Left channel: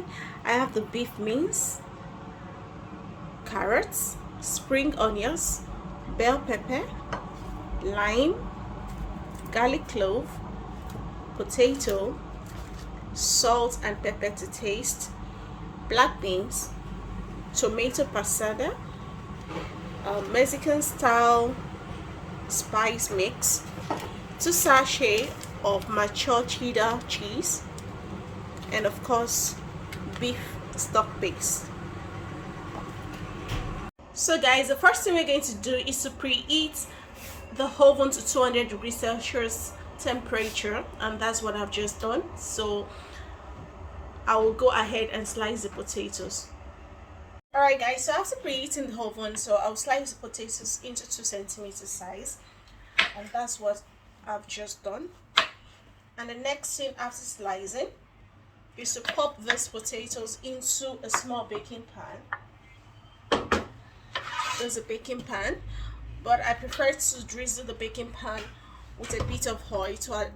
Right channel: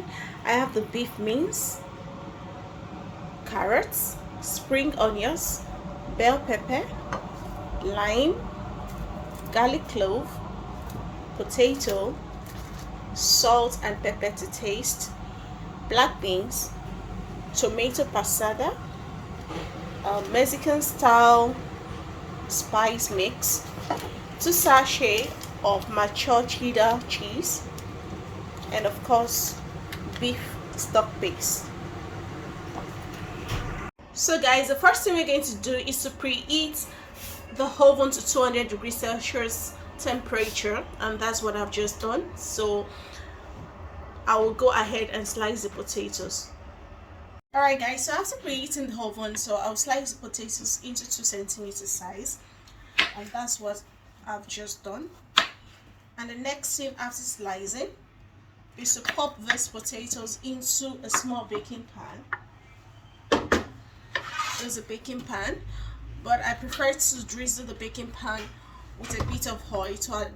recipe. I have the beef mince, carrots, spring onions, bell pepper, lime, garlic clove, potato, salt and pepper to taste, black beans, tomato passata, Mexican style spice mix, 2 sachets of mature cheddar cheese, and of course beef stock base. So guys, the first thing we're going to do is to preheat the oven to 200 degrees Celsius temperature, and that's what I've just done. So I will go ahead and slice the potatoes. Alright guys, so after preheating the oven, so I'll slice the potatoes into 2 centimeter size, and that's what I've just done. And the next thing after slicing is to pop these potatoes into a small baking pan. There's a baking pan, but I prefer to drizzle the baking pan with a bit of oil to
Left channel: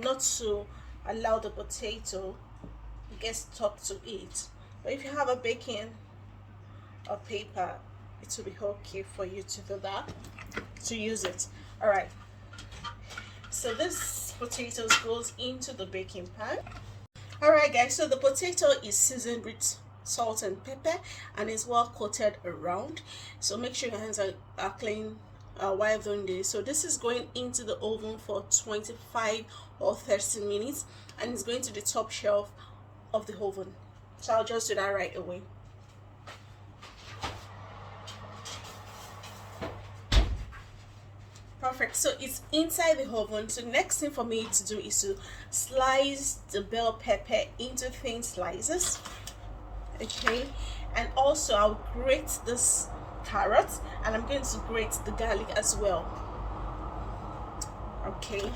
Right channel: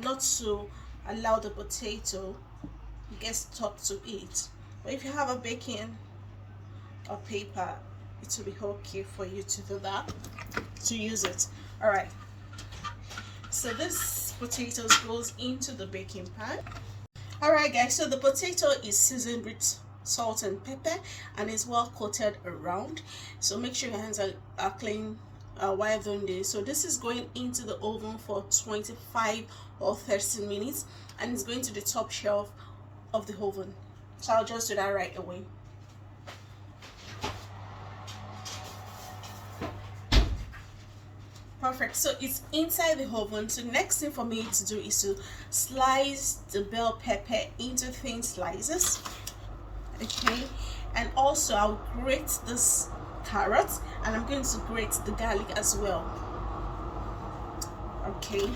not to allow the potato get stuck to it. But if you have a baking paper, it will be okay for you to do that, to use it. All right, so this potatoes goes into the baking pan. All right guys, so the potato is seasoned with salt and pepper and is well coated around, so make sure your hands are clean while doing this. So this is going into the oven for 25 or 30 minutes, and it's going to the top shelf of the oven. So I'll just do that right away. Perfect, so it's inside the oven. So next thing for me to do is to slice the bell pepper into thin slices. Okay, and also I'll grate this carrot, and I'm going to grate the garlic as well. Okay,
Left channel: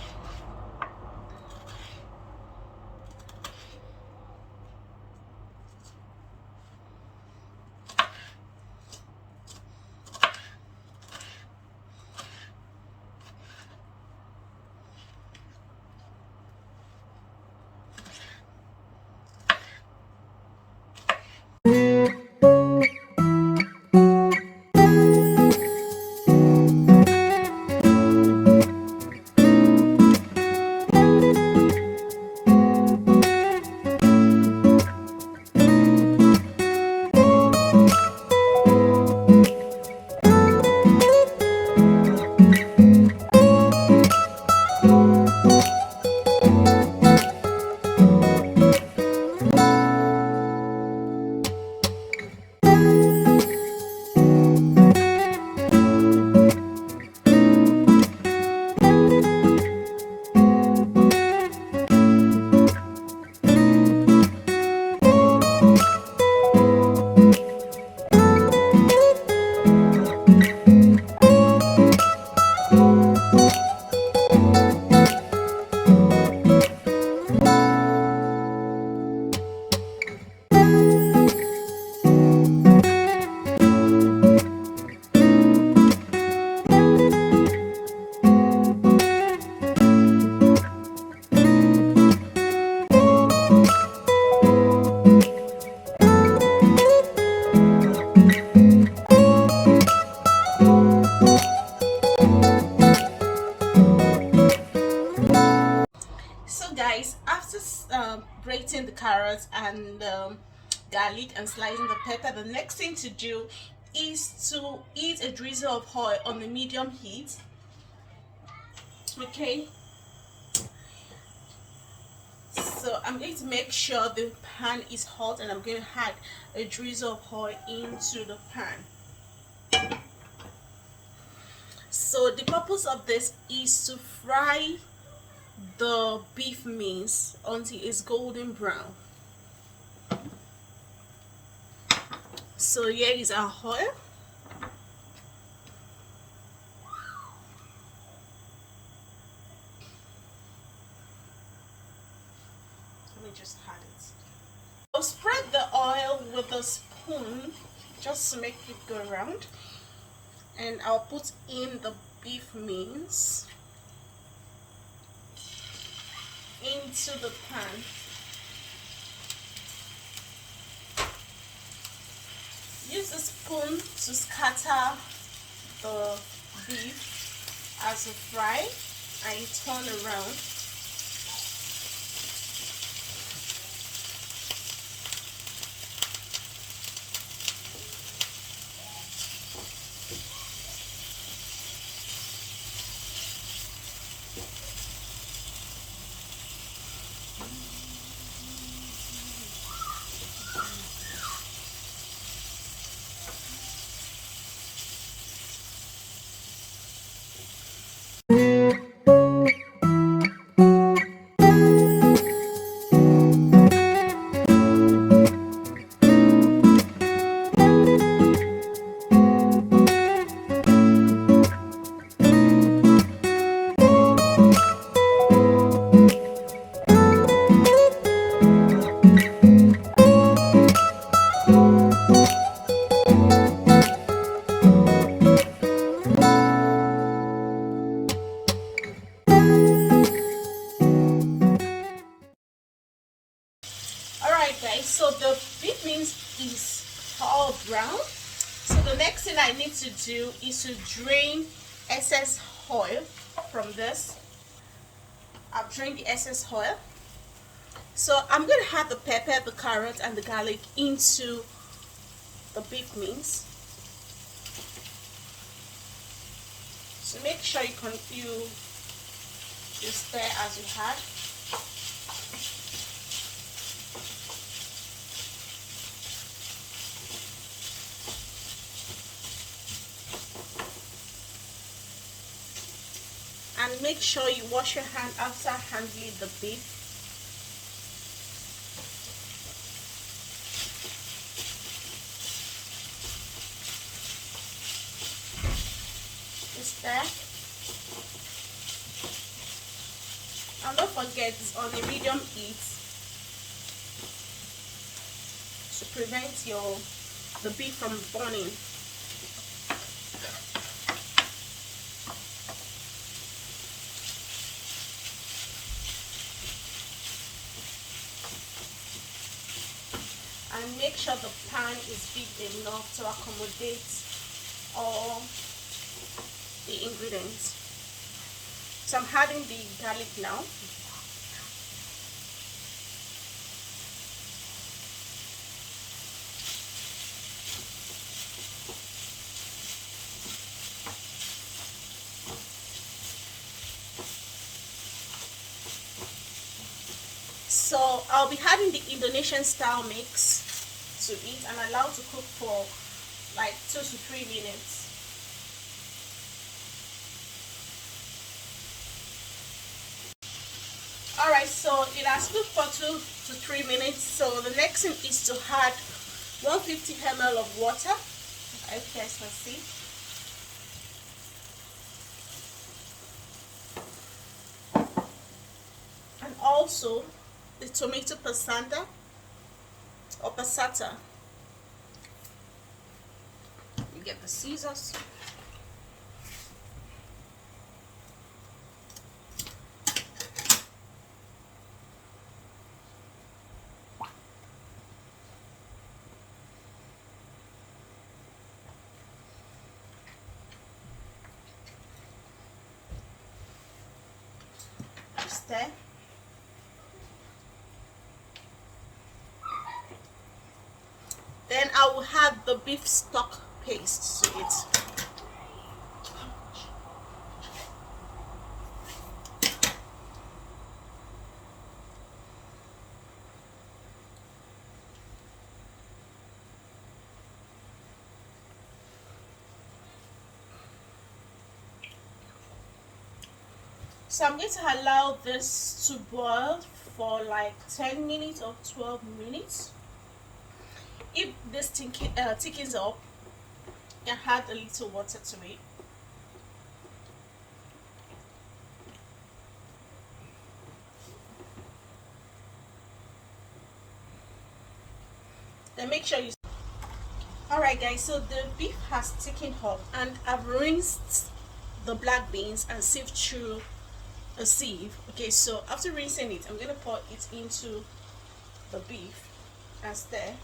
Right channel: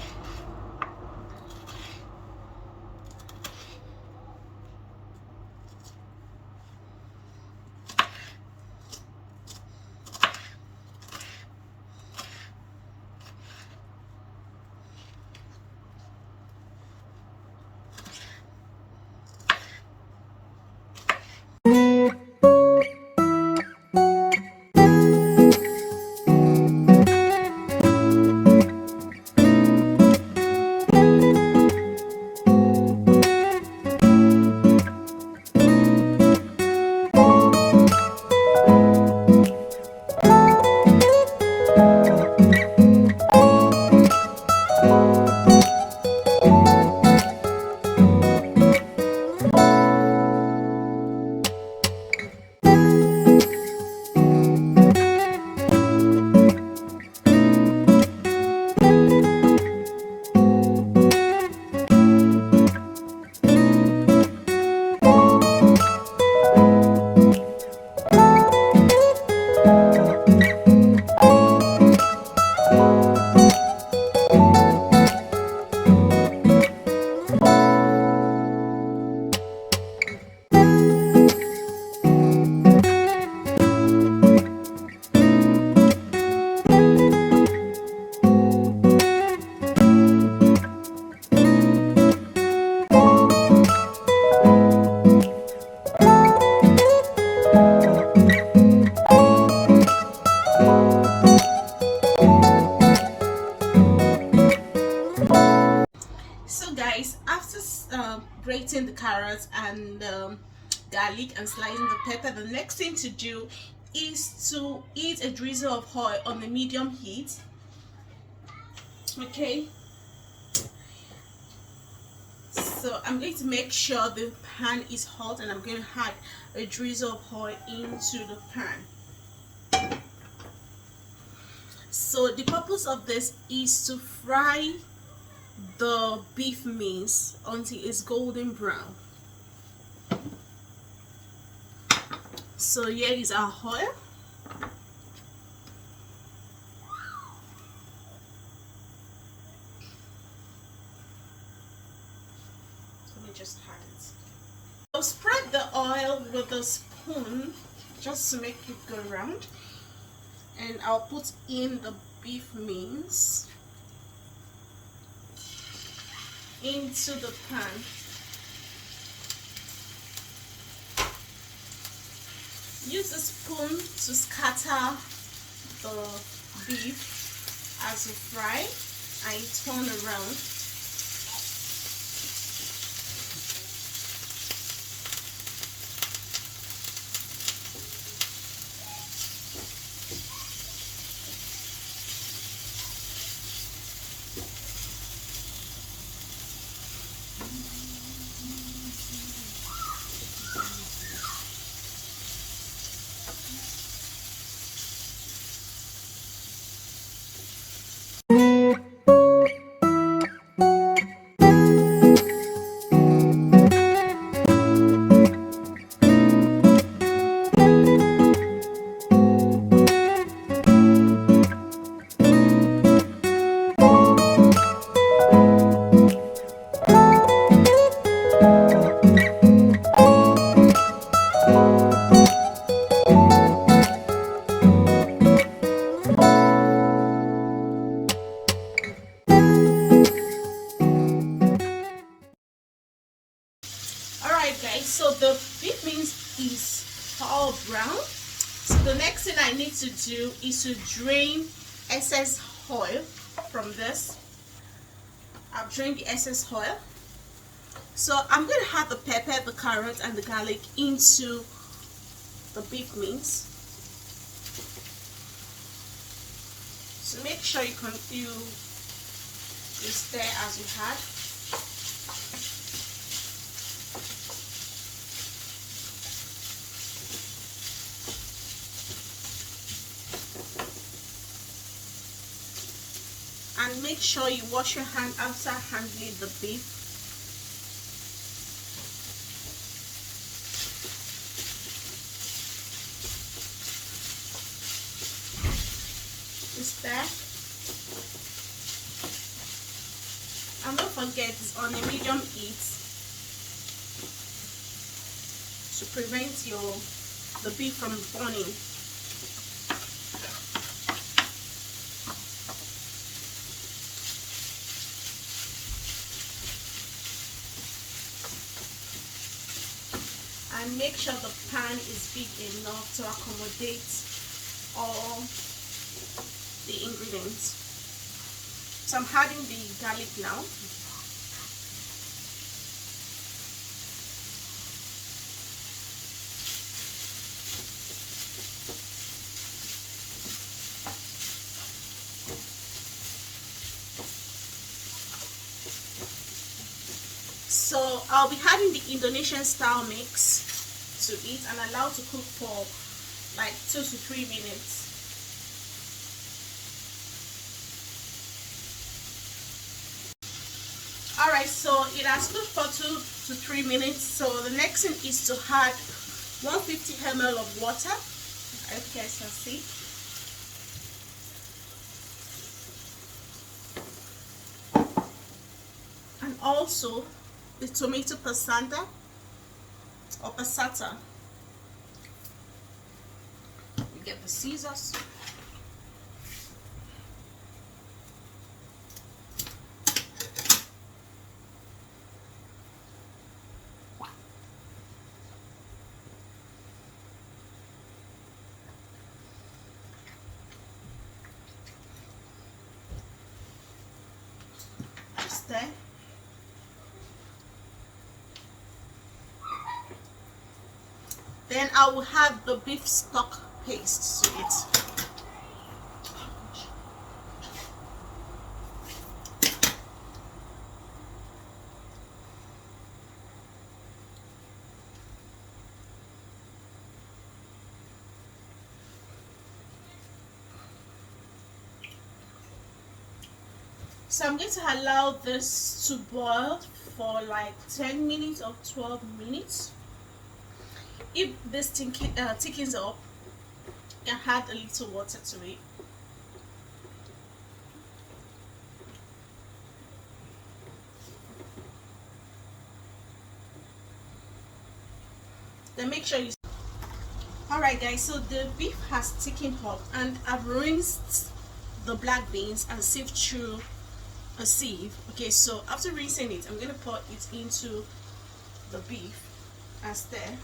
guys, after grating the carrots and garlic and slicing the pepper, the next thing to do is to heat a drizzle of oil on a medium heat. Okay, so I'm going to make sure the pan is hot, and I'm going to add a drizzle of oil into the pan. So the purpose of this is to fry the beef mince until it's golden brown. So here is our oil. Let me just add it. So spread the oil with a spoon just to make it go around, and I'll put in the beef mince into the pan. Use a spoon to scatter the beef as you fry, and you turn around. Alright guys, so the beef mince is all brown. So the next thing I need to do is to drain excess oil from this. I've drained the excess oil. So I'm going to add the pepper, the carrot and the garlic into the beef mince. So make sure you stir as you had. And make sure you wash your hand after handling the beef. Stir. And don't forget, it's on a medium heat to prevent the beef from burning. And make sure the pan is big enough to accommodate all the ingredients. So I'm adding the garlic now. So I'll be adding the Indonesian style mix to it and allow to cook for like 2 to 3 minutes. Alright, so it has cooked for 2 to 3 minutes. So the next thing is to add 150 ml of water. I hope you guys can see. And also the tomato passata or passata. You get the scissors. Just there. Then I will add the beef stock paste to it. So I'm going to allow this to boil for like 10 minutes or 12 minutes. If this thickens up, you can add a little water to it. Then make sure you. Alright guys, so the beef has thickened up and I've rinsed the black beans and sieved through a sieve. Okay, so after rinsing it, I'm going to pour it into the beef and stir.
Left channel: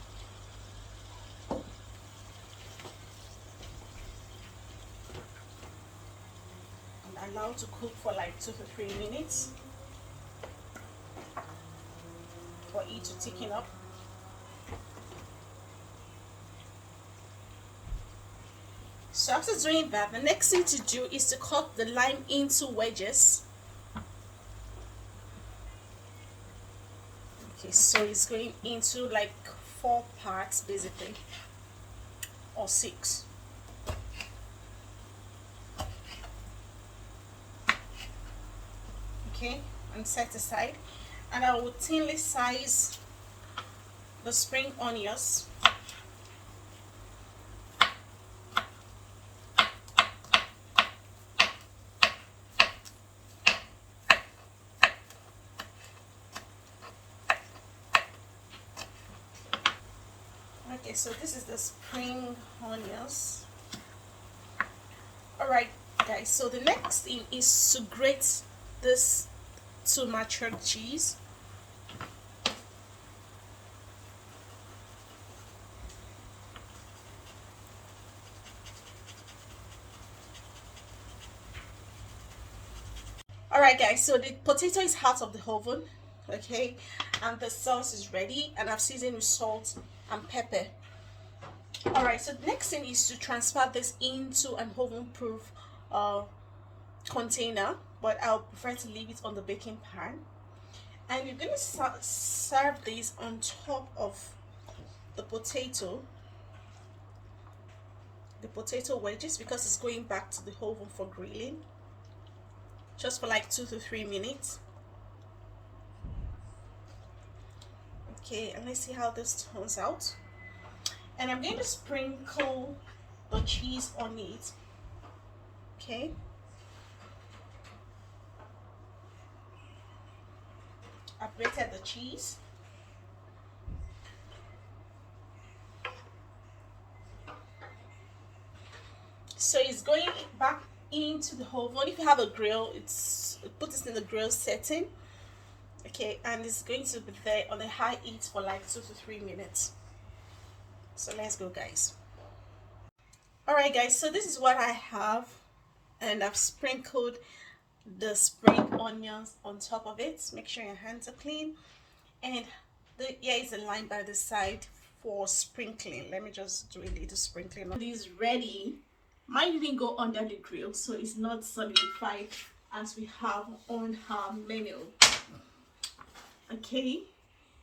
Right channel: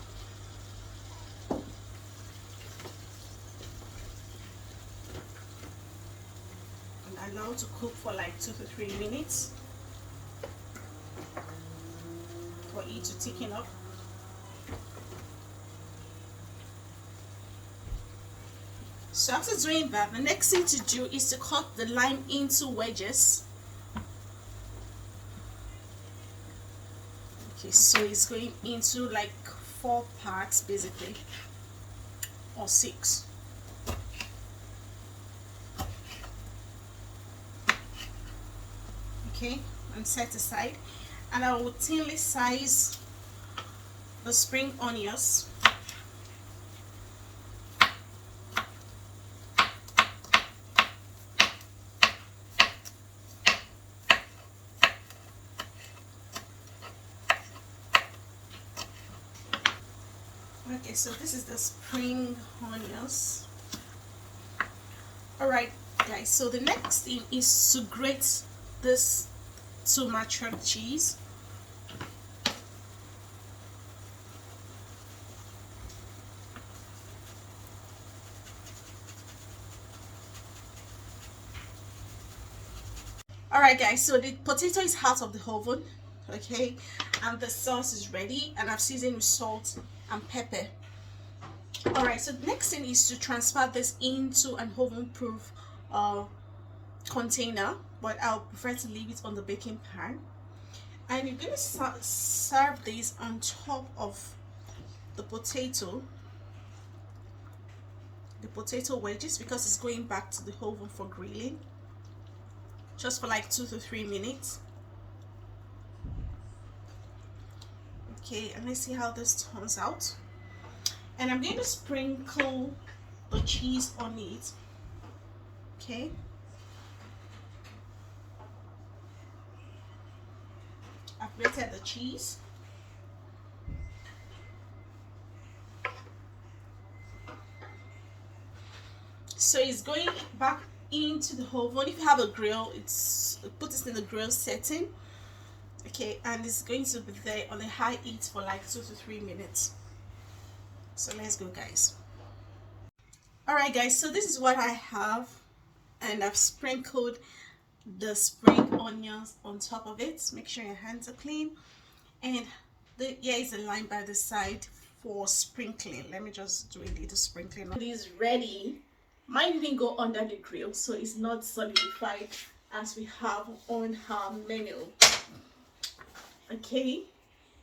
allow to cook for like 2 to 3 minutes for it to thicken up. So after doing that, the next thing to do is to cut the lime into wedges. Okay, so it's going into like 4 parts basically, or 6. Okay, and set aside. And I will thinly slice the spring onions. Okay, so this is the spring onions. Alright guys, so the next thing is to grate this tomato cheese. Alright guys, so the potato is out of the oven, okay, and the sauce is ready, and I've seasoned with salt and pepper. Alright, so the next thing is to transfer this into an oven proof container, but I'll prefer to leave it on the baking pan. And you're going to serve this on top of the potato wedges, because it's going back to the oven for grilling, just for like 2 to 3 minutes. Okay, and let's see how this turns out. And I'm going to sprinkle the cheese on it. Okay, I've grated the cheese. So it's going back into the oven. If you have a grill, put this in the grill setting. Okay, and it's going to be there on a high heat for like 2 to 3 minutes. So let's go guys. Alright guys, so this is what I have, and I've sprinkled the spring onions on top of it. Make sure your hands are clean, and here is a line by the side for sprinkling. Let me just do a little sprinkling. It is ready. Might even go under the grill so it's not solidified as we have on our menu. Okay,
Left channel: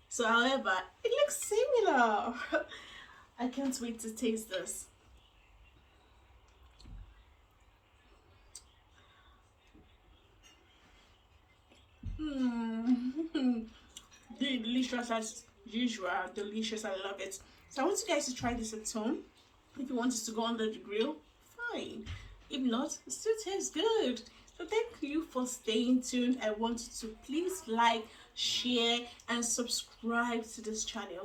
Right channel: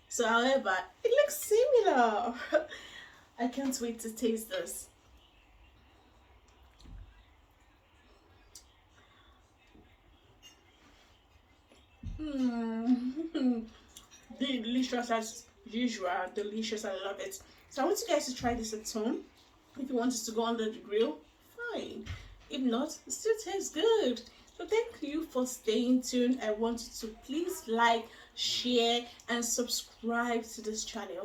so however, it looks similar. I can't wait to taste this. Delicious as usual. Delicious, I love it. So I want you guys to try this at home. If you want it to go under the grill, fine. If not, it still tastes good. So thank you for staying tuned. I want you to please like, share and subscribe to this channel.